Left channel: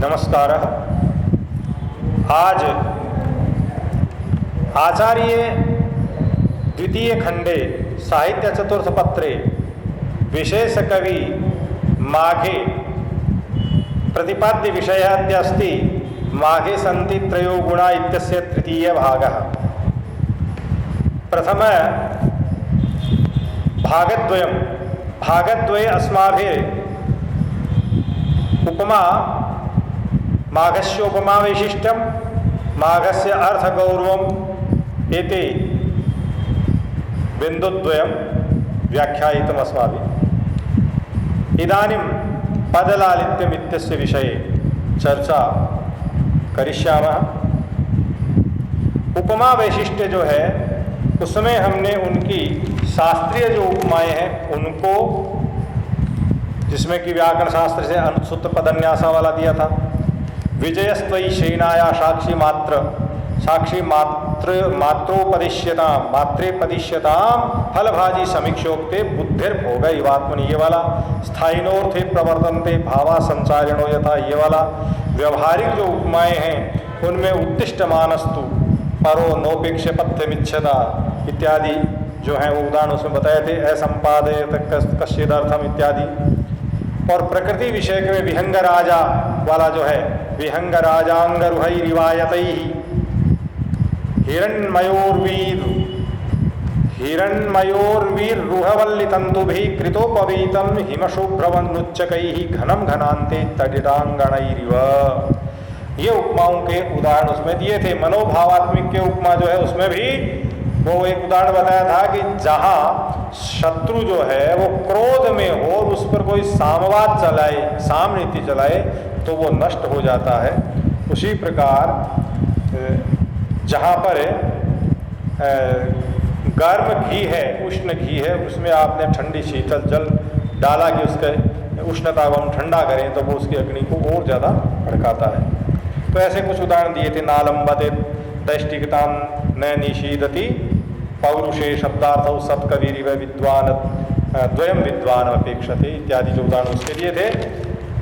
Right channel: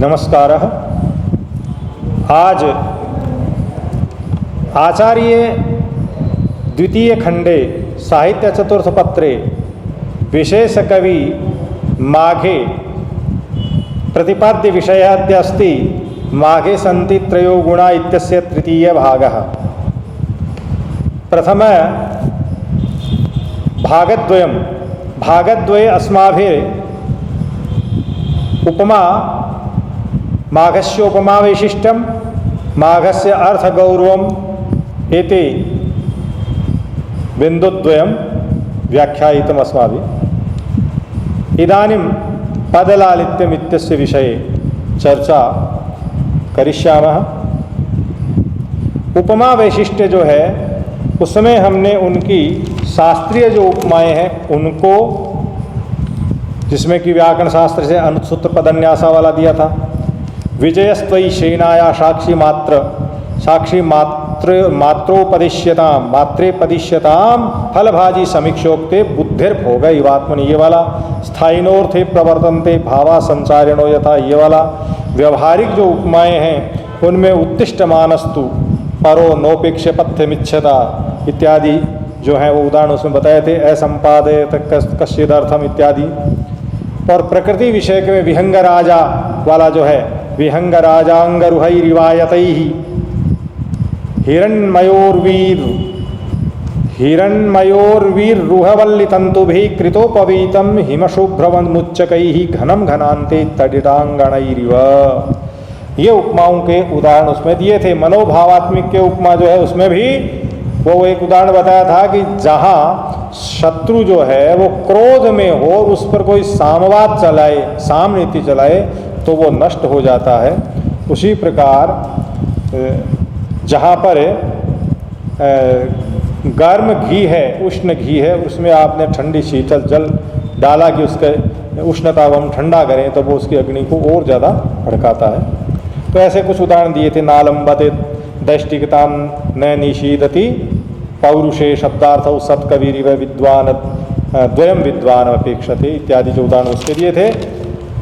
नमस्कारः। आज आचार्य द्वितीय खंडे साहित्य चतुर्थपत्रे विशेष कवि माघे प्रतिपाद्य विषयः अस्ति माघे सन्ति त्रयो गुणा इत्यस्य तृतीय भागः। प्रथम भागद्वये अस्माभिः उपमा माघस्य उपमा वैशिष्ट्यं माघस्य अर्थगौरवम् एते बिन्दुद्वयं व्याख्यायितम् अस्माभिः। इदानीं पदलालित्यम् इत्यस्य विषये चर्चा करिष्यामः। उपमा वैशिष्ट्य जो है उसमें हमने उनकी शास्त्रीय जो उपमाएं हैं उनको, जिसमें कि व्याकरण शास्त्र से अनुसूत्र पदन्यासा वाला दिया था। विजयस्त्वयि सेनाया साक्षी मात्रे पदिश्यताम फलभाजी समीक्षोक्ते बुद्धिर्भोग इवात्मनि, ये वाला। स्थायिनोर्थे प्रवर्तन्ते भावा संचारिणो यथा, ये वाला। व्यवहारिक जो उपमाएं हैं उनमें उत्तिष्ठ मानस्तु परो नोपेक्ष पथ्यमिच्छता इत्यादि जो हैं वो उदाहरण उसमें बताए थे। असंपादयत कश्चिदर्थम इत्यादि। और प्रकृति विषय में विहंग राजा वाला जो है, विहंग राजांग रुहै रिवायतैहि हिरण्मयोर्वीर रुहवल्ली तंतुभिः कृतोपवीतम हिमशुभ्रवन्मुच्चकैहि घनम घनान्ते तडितांगणैरिव। ये उपमाओं के उदाहरण उसमें दिए थे। मनोभावात्मिक के उपमा जो है उसमें भी वो एक उदाहरण बताया था कि जहाँ शत्रु जो है वो क्रोध में हो और उस पर कोई सामवाद चलाए, साम नीति चलाए तो वो नष्ट हो जाता है। उसी प्रकार जहाँ पर गर्म घी है, उष्ण घी है, उसमें आपने ठंडी शीतल जल डाला कि उसके उष्णता को हम ठंडा करें तो वो उसकी अग्नि को और ज़्यादा भड़काता है। तो ऐसे कुछ उदाहरण दिए थे। नालंबते दैष्टिकतां न निषीदति पौरुषे शब्दार्थौ सत्कवीरिव विद्वान द्वयं विद्वान अपेक्षते इत्यादि जो उदाहरण उसके दिए थे।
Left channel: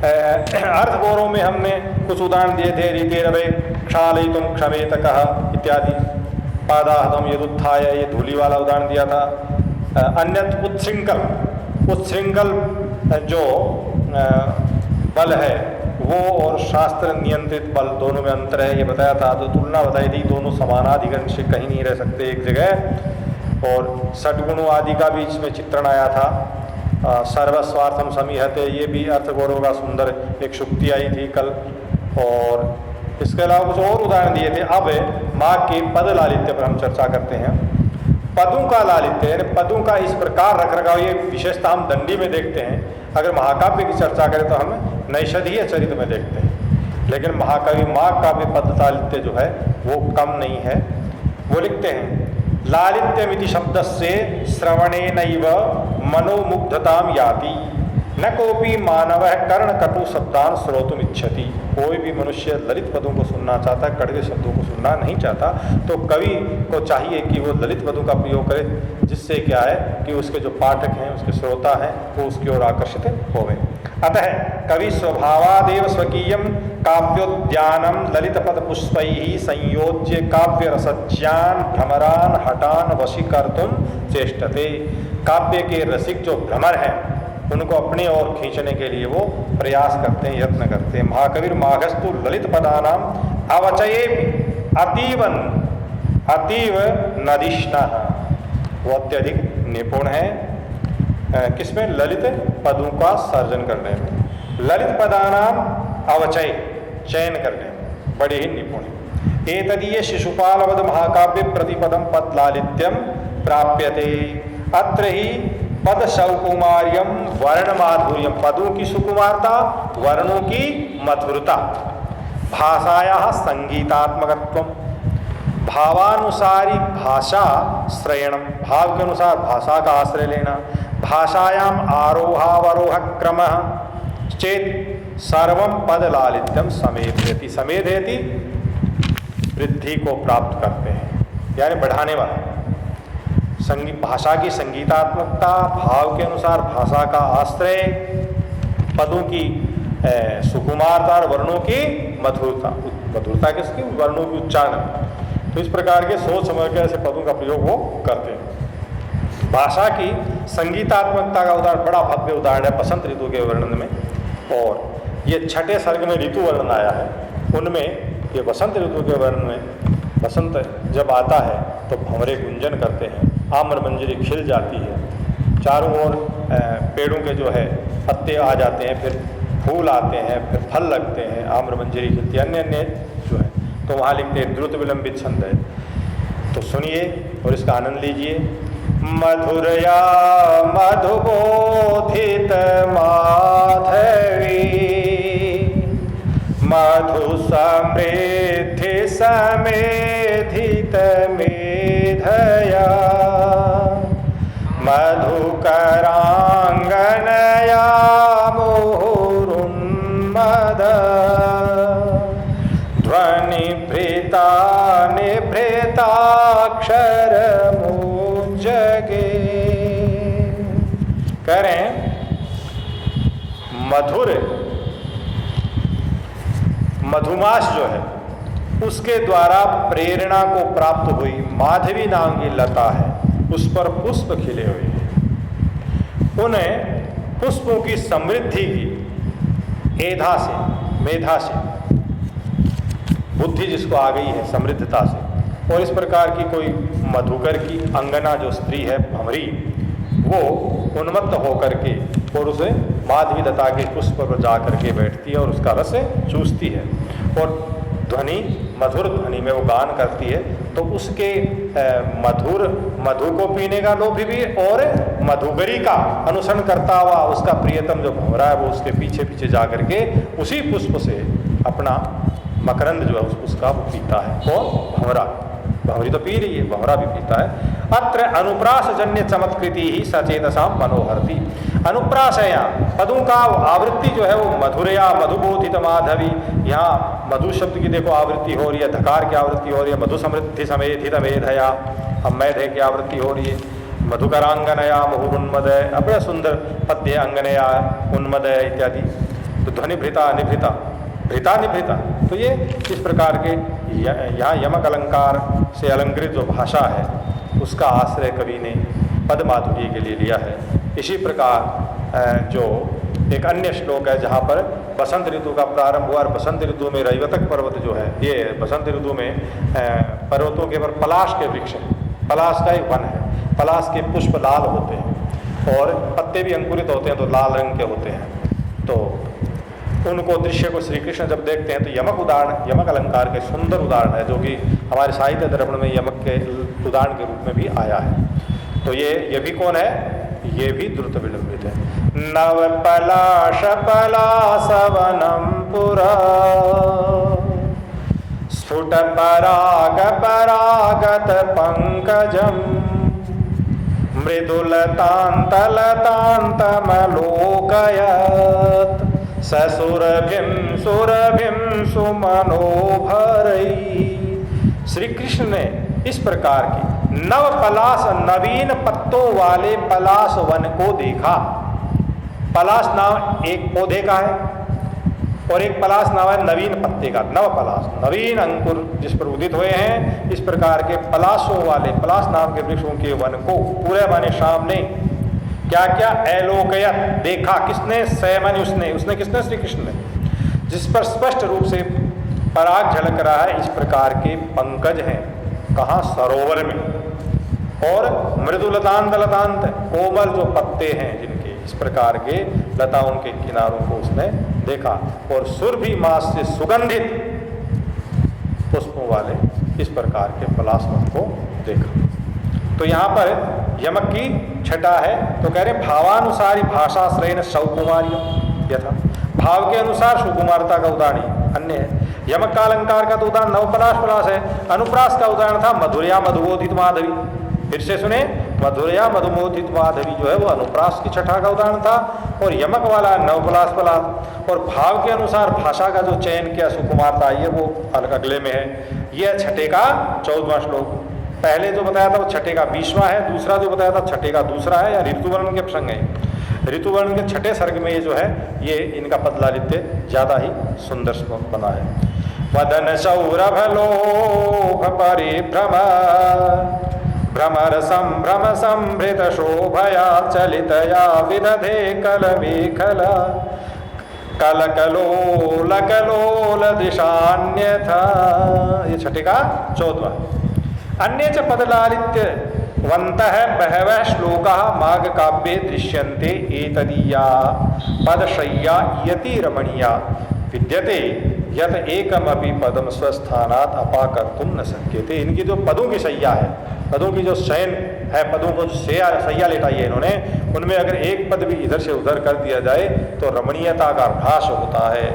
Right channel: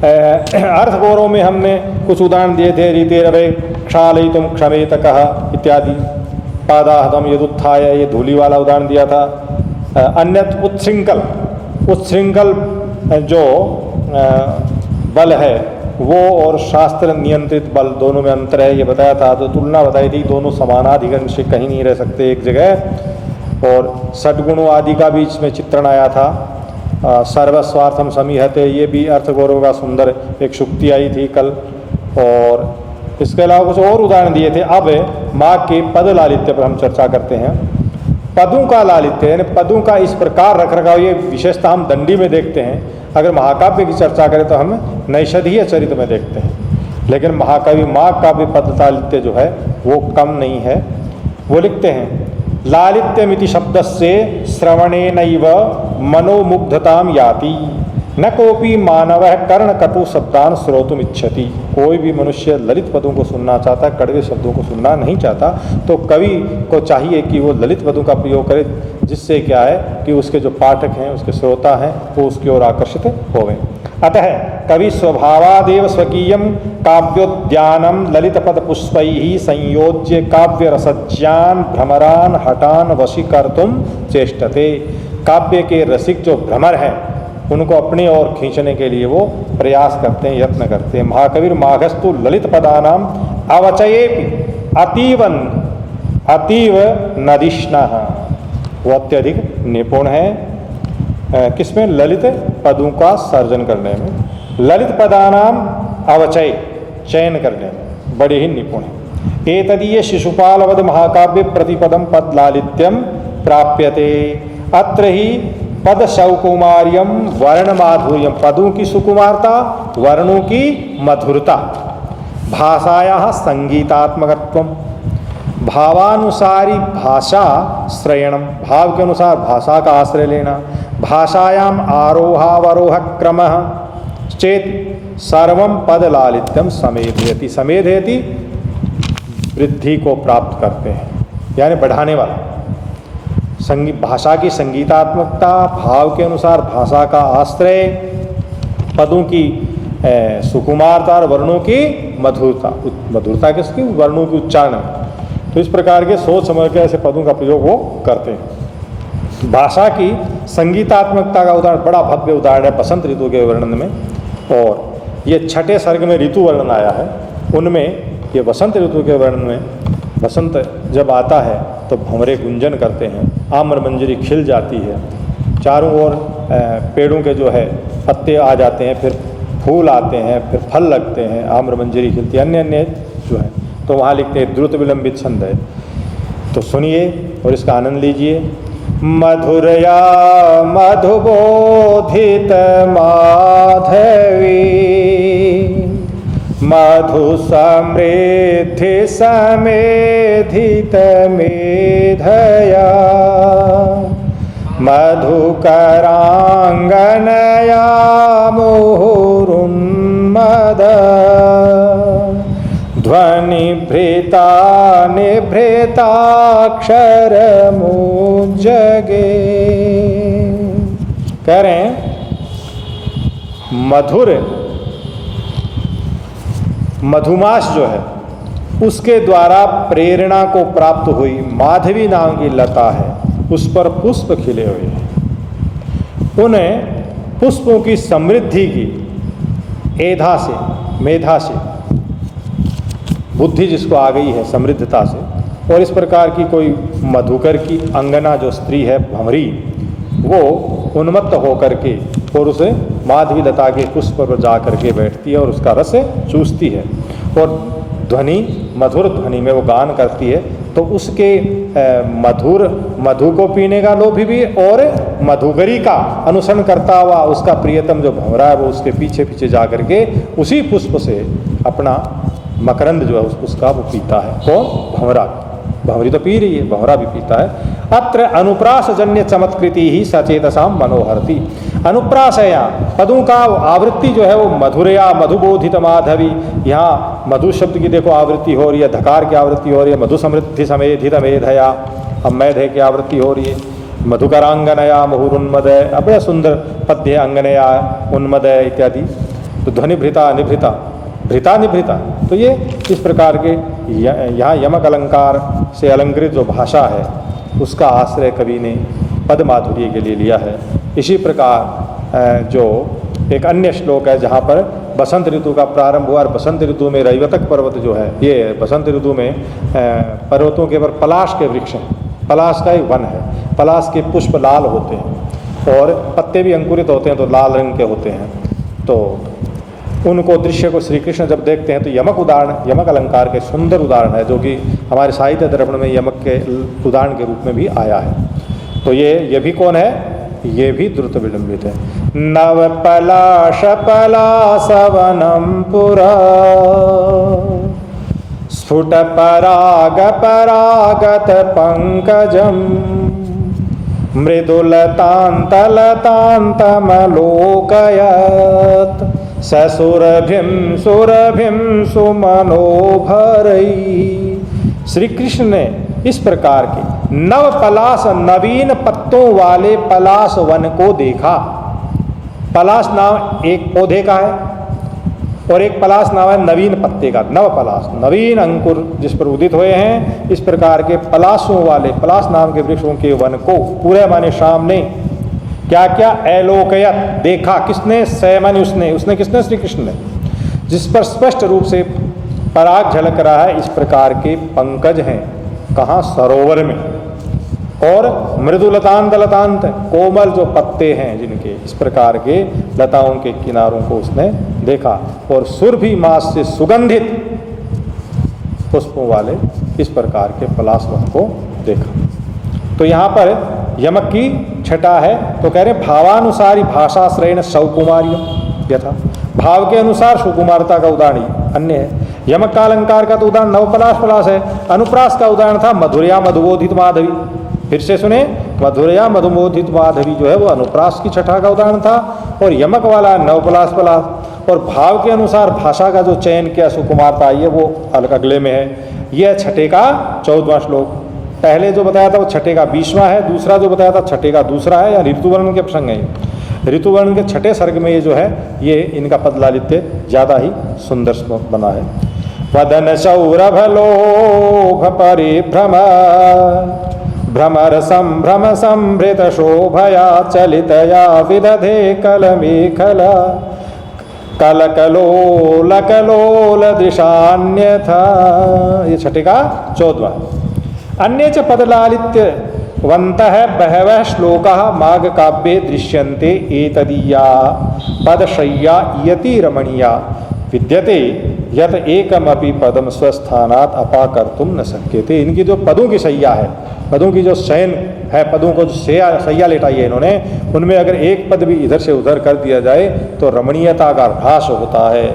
अर्थगौरव में हमने कुछ उदाहरण दिए थे। रीतेरवे क्षालयितुं क्षमेतकः इत्यादि। पादाहदम यदुत्थाय, ये धूलि वाला उदाहरण दिया था। अन्यत उत्शृंखल जो बल है वो और शास्त्र नियंत्रित बल दोनों में अंतर है, ये बताया था। तो तुलना बताई थी, दोनों समानाधिकरण से कहीं नहीं रह सकते एक जगह। और षड्गुणों आदि का भी इसमें चित्रण आया था। सर्वस्वार्थम समीहते, ये भी अर्थगौरव का सुंदर एक शुक्ति आई थी कल। और इसके अलावा कुछ और उदाहरण दिए थे। अब माघ के पद लालित्य पर हम चर्चा करते हैं। पदों का लालित्य यानी पदों का इस प्रकार रख रखाव, ये विशेषता हम दंडी में देखते हैं। अगर महाकाव्य की चर्चा करें तो हम नैषधीय चरित्र में देखते हैं, लेकिन महाकवि माघ का भी पद लालित्य जो है वो कम नहीं है। वो लिखते हैं लालित्यमिति शब्दस्य श्रवणेनैव मनोमुग्धतां याति न कोपि मानवः कर्णकटु शब्दान् श्रोतुम् इच्छति। कोई भी मनुष्य ललित पदों को सुनना चाहता है, कड़वे शब्दों को सुनना नहीं चाहता। तो कवि को चाहिए कि वो ललित पदों का प्रयोग करे, जिससे क्या है कि उसके जो पाठक हैं, उसके श्रोता हैं, वो उसकी ओर आकर्षित होवें। अतः कवि स्वभावादेव स्वकीयं काव्योद्यानं ललितपद पुष्पैः संयोज्य काव्य रसज्ञान भ्रमरान हटान वशीकर्तुं चेष्टते। काव्य के रसिक जो भ्रमर हैं उनको अपनी ओर खींचने के लिए वो प्रयास करते हैं, यत्न करते हैं। महाकविर माघस्तु ललित पदानाम अवचयेपि अतीव नदिष्णः, वो अत्यधिक निपुण है किसमें? ललित पदों का सर्जन करने में। ललित पदानाम अवचय, चयन करने में बड़े ही निपुण है। एतदीय शिशुपालवद महाकाव्य प्रतिपदम पद लालित्यम प्राप्यते। अत्र ही पद सौकुमार्यम वर्ण माधुर्यम, पदों की सुकुमारता, वर्णों की मधुरता। भाषायाः संगीतात्मकत्वम, भावानुसारी भाषा श्रयणम, भाव के अनुसार भाषा का आश्रय लेना। भाषायाम आरोहावरोह क्रमः चेत सर्वम पद लालित्यम समेधयति। समेधयति वृद्धि को प्राप्त करते हैं, यानी बढ़ाने वाला। भाषा की संगीतात्मकता, भाव के अनुसार भाषा का आश्रय, पदों की सुकुमारता और वर्णों की मधुरता, मधुरता किसकी, वर्णों की उच्चारण। तो इस प्रकार के सोच समझ के ऐसे पदों का प्रयोग वो करते हैं। भाषा की संगीतात्मकता का उदाहरण, बड़ा भव्य उदाहरण है बसंत ऋतु के वर्णन में। और ये छठे सर्ग में ऋतु वर्णन आया है, उनमें ये बसंत ऋतु के वर्णन में बसंत जब आता है तो भंवरे गुंजन करते हैं, आम्र मंजरी खिल जाती है, चारों ओर पेड़ों के जो है पत्ते आ जाते हैं, फिर फूल आते हैं, फिर फल लगते हैं, आम्र मंजरी खिलती है, अन्य अन्य जो है। तो वहाँ लिखते हैं द्रुत विलंबित छंद है। तो सुनिए और इसका आनंद लीजिए। मधुरया मधुबोधित माधवी, मधु समृद्धि समेधित मेधया, मधुकरांगनया मुहुरुन्मद, ध्वनिभृता निभृताक्षर मुज्जगे। कह रहे हैं मधुर मधुमास जो है उसके द्वारा प्रेरणा को प्राप्त हुई माधवी नाम की लता है, उस पर पुष्प खिले हुए हैं। उन्हें पुष्पों की समृद्धि की एधा से, मेधा से, बुद्धि जिसको आ गई है समृद्धता से, और इस प्रकार की कोई मधुकर की अंगना जो स्त्री है भंवरी, वो उन्मत्त होकर के और उसे माधवी लता के पुष्प पर जा करके बैठती है और उसका रस चूसती है, और ध्वनि मधुर ध्वनि में वो गान करती है। तो उसके मधुर मधु को पीने का लोभी भी, और मधुकरी का अनुसरण करता हुआ उसका प्रियतम जो भंवरा है वो उसके पीछे पीछे जा करके उसी पुष्प से अपना मकरंद जो है उसका वो पीता है। कौन? भंवरा। भंवरी तो पी रही है, भंवरा भी पीता है। अत्र अनुप्रास जन्य चमत्कृति ही सचेतसाम मनोहरती। अनुप्रास है यहाँ पदों का आवृत्ति जो है वो मधुरया मधुबोधित माधवी। यहाँ मधु शब्द की देखो आवृत्ति हो रही है, धकार की आवृत्ति हो रही है, मधु समृद्धि समेधित मेधया, अब मेधे की आवृत्ति हो रही है, मधुकरांगनया मुहुरुन्मदय, बड़ा सुंदर पद्य अंगनया उन्मदय इत्यादि। तो ध्वनि भृता निभृता, भृता निभृता, तो ये इस प्रकार के यहाँ यमक अलंकार से अलंकृत जो भाषा है उसका आश्रय कवि ने पद माधुर्य के लिए लिया है। इसी प्रकार जो एक अन्य श्लोक है जहाँ पर बसंत ऋतु का प्रारंभ हुआ, और बसंत ऋतु में रैवतक पर्वत जो है, ये बसंत ऋतु में पर्वतों के ऊपर पलाश के वृक्ष हैं, पलाश का ही वन है, पलाश के पुष्प लाल होते हैं और पत्ते भी अंकुरित होते हैं तो लाल रंग के होते हैं। तो उनको दृश्य को श्री कृष्ण जब देखते हैं तो यमक उदाहरण, यमक अलंकार के सुंदर उदाहरण है, जो कि हमारे साहित्य दर्पण में यमक के उदाहरण के रूप में भी आया है। तो ये भी कौन है? ये भी द्रुत विलंबित है। नव पलाश पलासवनम पुरा, स्फुट पराग परागत पंकजम, मृदुलतान्तलतान्तमलोकयत्, ससुरभिं सुरभिं सुमनोभरै। श्री कृष्ण ने इस प्रकार की नव पलाश, नवीन पत्तों वाले पलाश वन को देखा। पलाश नाम एक पौधे का है और एक पलाश नाम है नवीन पत्ते का। नव पलाश, नवीन अंकुर जिस पर उदित हुए हैं, इस प्रकार के पलाशों वाले, पलाश नाम के वृक्षों के वन को पूरे माने शाम ने क्या क्या एलोकयत देखा। किसने? सैमन, उसने किसने? श्री कृष्ण ने, जिस पर स्पष्ट रूप से पराग झलक रहा है। इस प्रकार के पंकज हैं, कहाँ? सरोवर में। और मृदुलतांत लतांत, कोमल जो पत्ते हैं जिनके, इस प्रकार के लताओं के किनारों को उसने देखा। और सुरभि मास से सुगंधित पुष्पों वाले इस प्रकार के पलाशवन को देखा। तो यहाँ पर यमक की छटा है, तो कह रहे भावानुसारी भाषाश्रयण सौकुमार्य यथा, भाव के अनुसार सुकुमारता का उदाहरण अन्य है। यमक का अलंकार का तो उदाहरण नवपलाश पलाश है। अनुप्रास का उदाहरण था मधुरया मधुबोधित माधवी। फिर से सुने, मधुरया मधुबोधित माधवी जो है वो अनुप्रास की छठा का उदाहरण था, और यमक वाला नवपलाश पलाश। और भाव के अनुसार भाषा का जो चयन किया सुकुमारता, ये वो अगले में है। यह छठे का 14वां श्लोक। पहले जो बताया था वो छठे का 20वां है, दूसरा जो बताया था छठे का दूसरा है, या ऋतु वर्णन के प्रसंग है। ऋतुवर्ण के छठे सर्ग में ये जो है ये इनका पद लालित्य ज़्यादा ही सुंदर बना है। वदन सौरभ लोभ परिभ्रम भ्रमर संभ्रम संभृत शोभया चलितया विदधे कलमेखला कलकलोल कलोल दिशान्यथा। ये छठे का 14वां। अन्य च पदलालित्य वन्तः बहवः श्लोकाः माघ काव्ये दृश्यन्ते एतदीया पदशय्या इयति रमणीया विद्यते यत एकमपि पदम स्वस्थानात् अपाकर्तुम न शक्यते। इनकी जो पदों की शैया है, पदों की जो शयन है, पदों को जो शैया लेटाई है इन्होंने, उनमें अगर एक पद भी इधर से उधर कर दिया जाए तो रमणीयता का ह्रास होता है।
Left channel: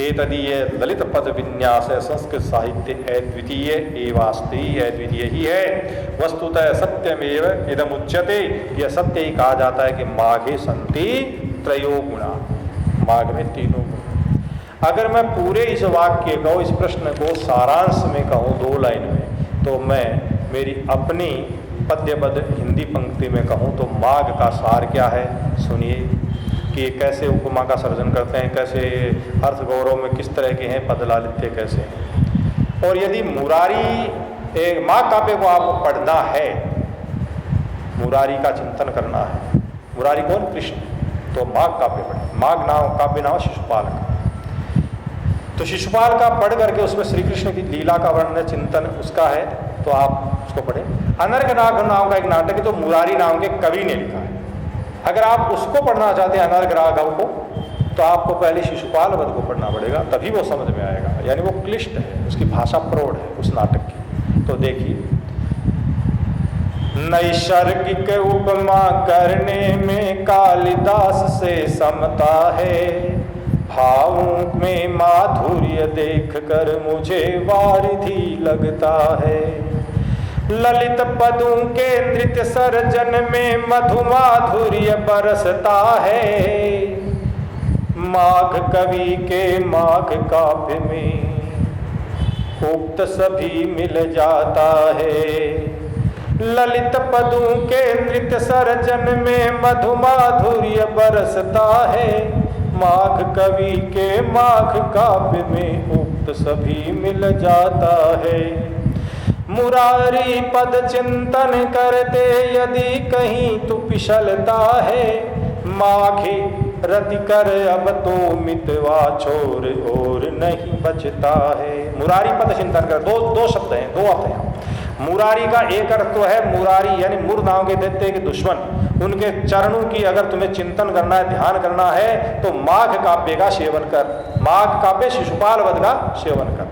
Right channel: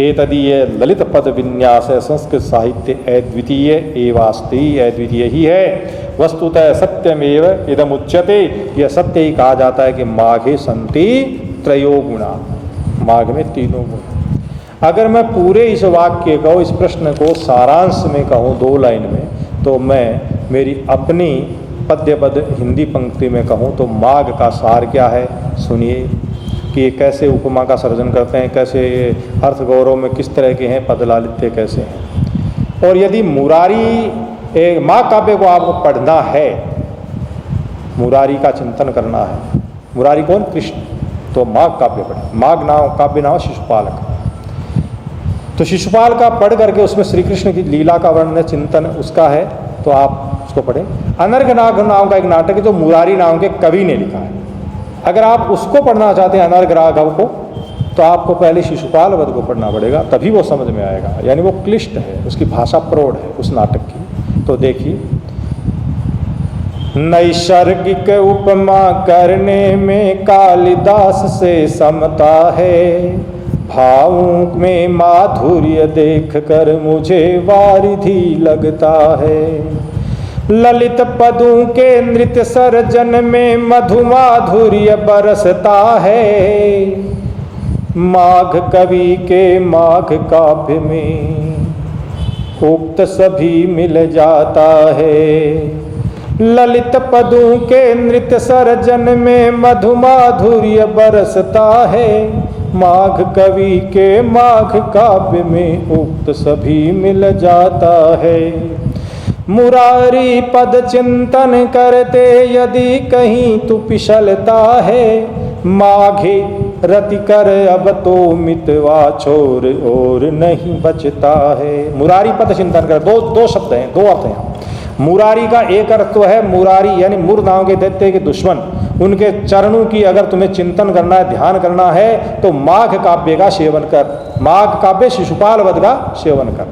एतदीय ललित पद विन्यास संस्कृत साहित्य अद्वितीय एवास्ति, अद्वितीय ही है। वस्तुतः सत्यमेव इदमुच्यते, यह सत्य ही कहा जाता है कि माघे संति त्रयो गुणा, माघ में तीनों गुण। अगर मैं पूरे इस वाक्य को, इस प्रश्न को सारांश में कहूँ 2 लाइन में, तो मैं मेरी अपनी पद्य पद हिंदी पंक्ति में कहूँ तो माघ का सार क्या है सुनिए, कि ये कैसे उपमा का सर्जन करते हैं, कैसे अर्थ गौरव में किस तरह के हैं, पद लालित्य कैसे हैं। और यदि मुरारी माघ काव्य को आपको पढ़ना है, मुरारी का चिंतन करना है, मुरारी कौन? कृष्ण, तो माघ काव्य पढ़ें। माघ नाम काव्य नाम शिशुपाल का, तो शिशुपाल का पढ़ करके उसमें श्री कृष्ण की लीला का वर्णन चिंतन उसका है, तो आप उसको पढ़ें। अनर्घ नाग नाम का एक नाटक है जो मुरारी नाम के कवि ने लिखा है। अगर आप उसको पढ़ना चाहते हैं अनर्घ राघव को, तो आपको पहले शिशुपाल वध को पढ़ना पड़ेगा, तभी वो समझ में आएगा। यानी वो क्लिष्ट है, उसकी भाषा प्रौढ़ है उस नाटक की। तो देखिए, नैसर्गिक उपमा करने में कालिदास से समता है, भावों में माधुर्य देख कर मुझे वारिधि लगता है। ललित पदों के नृत्य सर्जन में मधुमाधुर्य बरसता है। माघ कवि के माघ काव्य में उक्त सभी मिल जाता है। ललित पदों के नृत्य सर्जन में मधुमाधुर्य बरसता है। माघ कवि के माघ काव्य में उक्त सभी मिल जाता है। मुरारी पद चिंतन करते यदि कहीं तू पिछलता है, माघे रति कर अब तो मितवा छोर और नहीं बचता है। मुरारी पद चिंतन कर, दो शब्द हैं, 2 अर्थ हैं। मुरारी का एक अर्थ तो है मुरारी यानी मुर नाम के दैत्य के दुश्मन, उनके चरणों की अगर तुम्हें चिंतन करना है, ध्यान करना है, तो माघ काव्य का सेवन कर। माघ काव्य शिशुपाल वध का सेवन कर।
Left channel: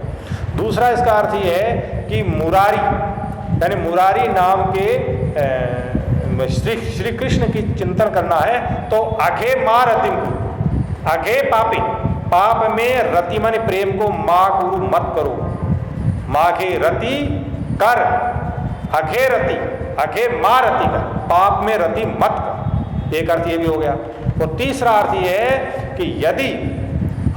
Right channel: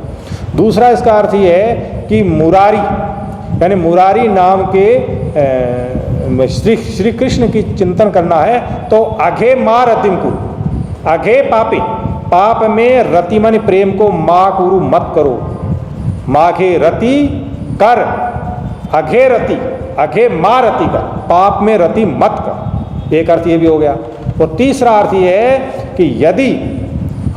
दूसरा इसका अर्थ ये है कि मुरारी यानी मुरारी नाम के श्री कृष्ण की चिंतन करना है, तो अघे माँ रतिम को, अघे पापे, पाप में रति मन प्रेम को माँ कुरु मत करो। माघे रति कर, अघे रति, अघे माँ रति कर, पाप में रति मत कर। एक अर्थ ये भी हो गया। और तीसरा अर्थ ये है कि यदि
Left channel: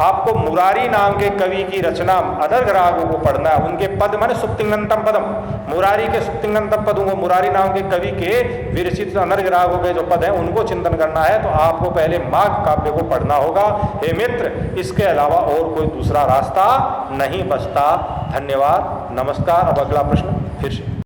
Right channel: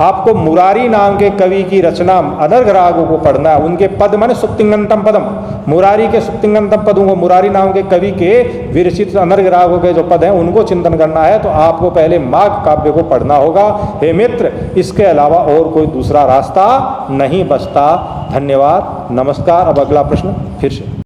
आपको मुरारी नाम के कवि की रचना अनर्घ रागों को पढ़ना है, उनके पद माने सुप्तिंगंतम पदम, मुरारी के सुप्तिंगंतम पदों को, मुरारी नाम के कवि के विरचित अनर्घ रागों के जो पद हैं उनको चिंतन करना है, तो आपको पहले माघ काव्य को पढ़ना होगा। हे मित्र, इसके अलावा और कोई दूसरा रास्ता नहीं बचता। धन्यवाद, नमस्कार। अब अगला प्रश्न फिर से।